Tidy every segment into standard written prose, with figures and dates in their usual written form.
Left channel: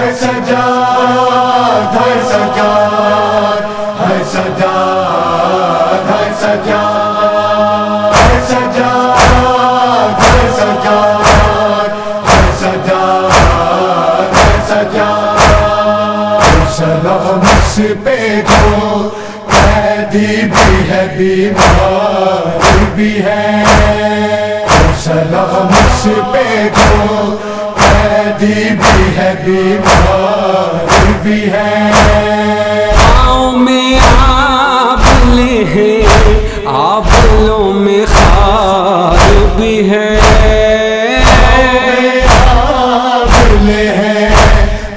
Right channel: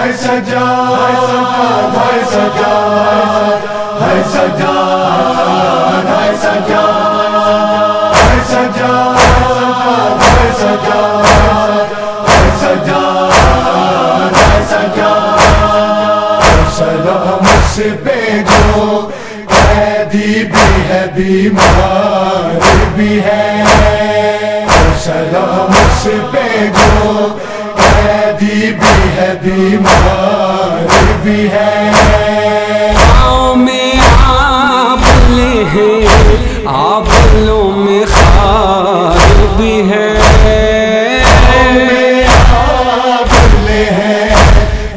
ہے سجاد ہے سجاد ہے سجاد ہے سجاد ہے سجاد ہے سجاد ہے سجاد ہے سجاد سلام اس پہ جو قیدی بھی ہے بیمار بھی ہے سلام اس پہ جو قیدی بھی ہے بیمار بھی ہے پاؤں میں آبلے ہیں آبلوں میں خار بھی ہے آبلے ہیں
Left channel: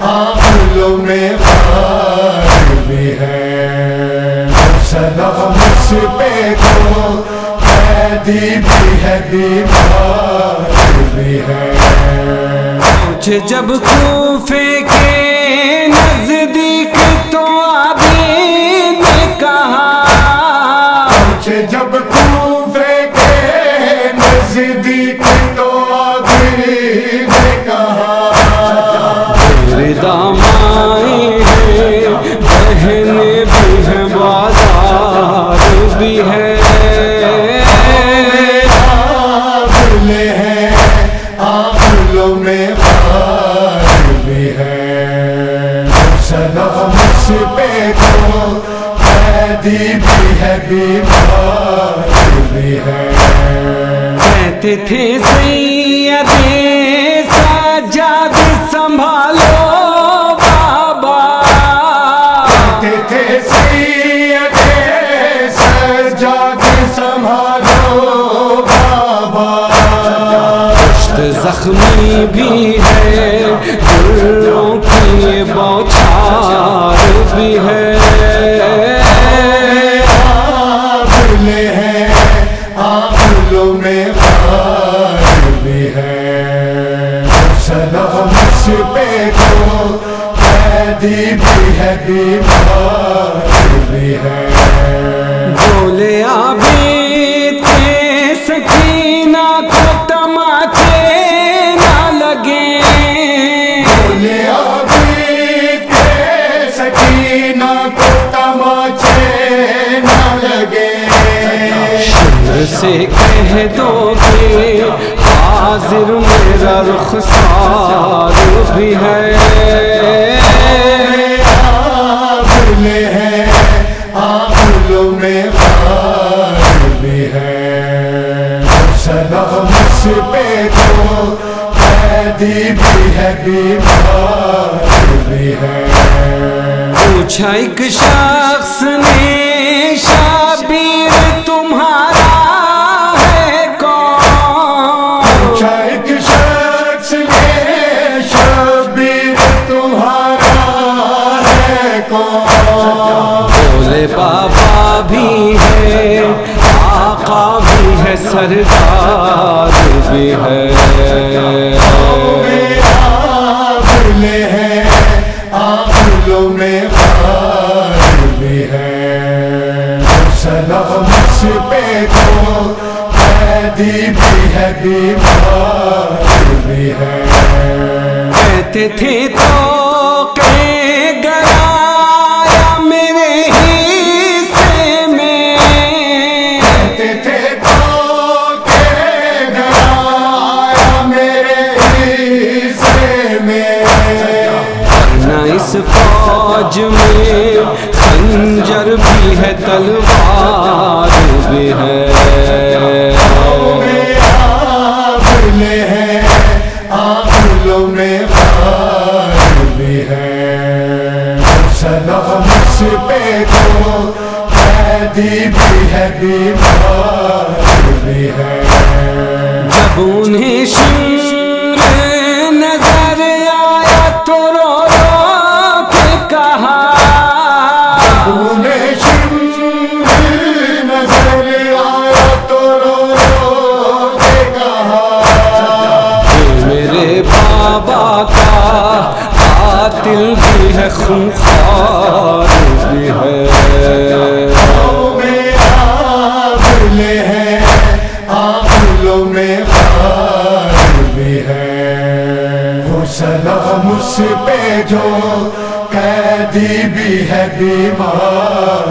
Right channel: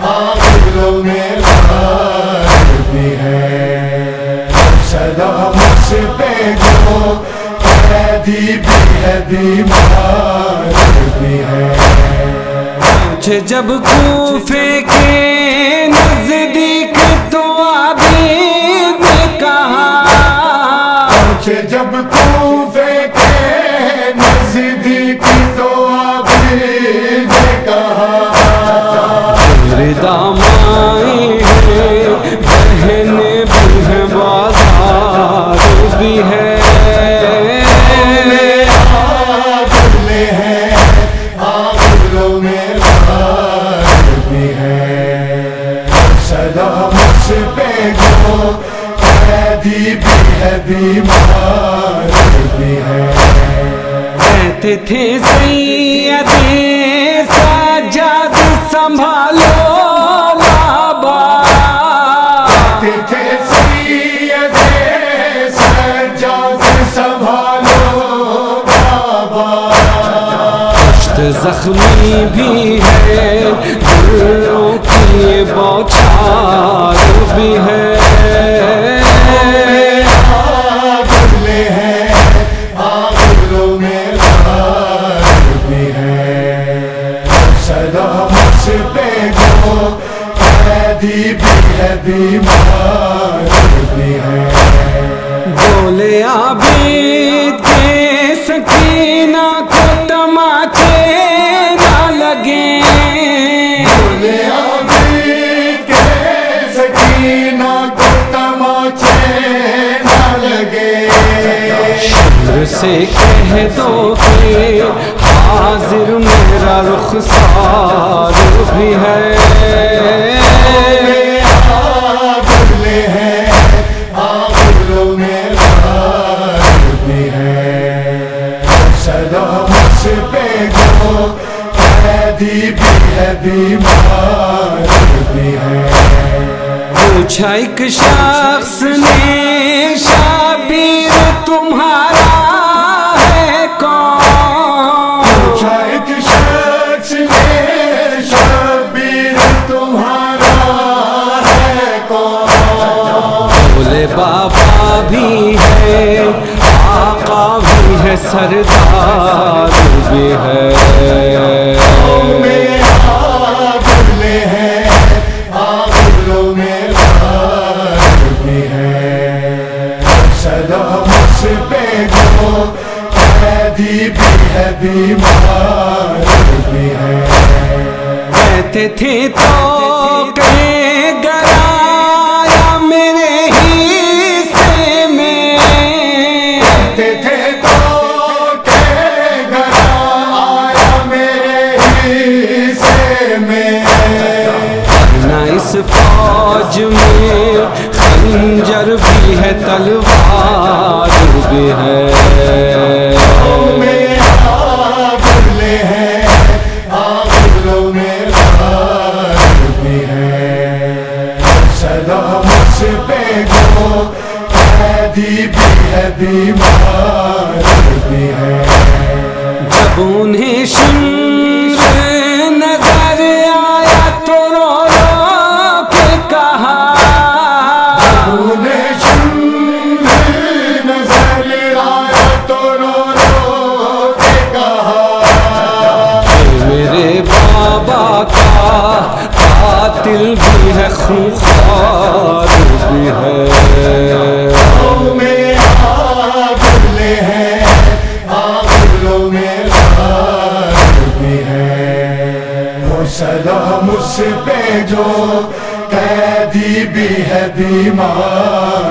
آبلوں میں خار بھی ہے سلام اس پہ جو قیدی بھی ہے بیمار بھی ہے جب کوفے کے نزدیک تو عابد نے کہا جب کوفے کے نزدیک تو عابد نے کہا میرے دامائیں ہیں بہنیں بھی ہیں بازار بھی ہے آبلے ہیں آبلوں میں خار بھی ہے سلام اس پہ جو قیدی بھی ہے بیمار بھی ہے کہتے تھے سید سجاد سنبھالو بابا کہتے تھے سید سجاد سنبھالو بابا پشت زخمی بھی ہے گلوں کی یہ بوچھار بھی ہے آبلے ہیں آبلوں میں خار بھی ہے سلام اس پہ جو قیدی بھی ہے بیمار بھی ہے بولے عابد کے سکینہ کو تماچے نہ لگیں بولے عابد کے سکینہ کو تماچے نہ لگے شمر سے کہہ دو کہ حاضر میرا رخسار بھی ہے آبلے ہیں آبلوں میں خار بھی ہے سلام اس پہ جو قیدی بھی ہے بیمار بھی ہے پوچھا ایک شخص نے شبیر تمہارا ہے کون پوچھا ایک شخص نے شبیر تمہارا ہے کون بولے بابا بھی ہے آقا بھی ہے سردار بھی ہے آبلے ہیں آبلوں میں خار بھی ہے سلام اس پہ جو قیدی بھی ہے بیمار بھی ہے کہتے تھے تو کہ گرایا میرے حصے میں کہتے تھے تو کہ گھر آیا میرے حصے میں ورنہ اس فوج میں خنجر بھی ہے تلوار بھی ہے آبلے ہیں آبلوں میں خار بھی ہے سلام اس پہ جو قیدی بھی ہے بیمار بھی ہے جب انہیں شمر نظر آیا تو رو رو کے کہا انہیں شمر نظر آیا تو رو رو کے کہا کہ میرے بابا کا قاتل بھی ہے خونخوار بھی ہے میں آبلے ہیں آبلوں میں خار بھی ہے وہ سلام اس پہ جو قیدی بھی ہے بیمار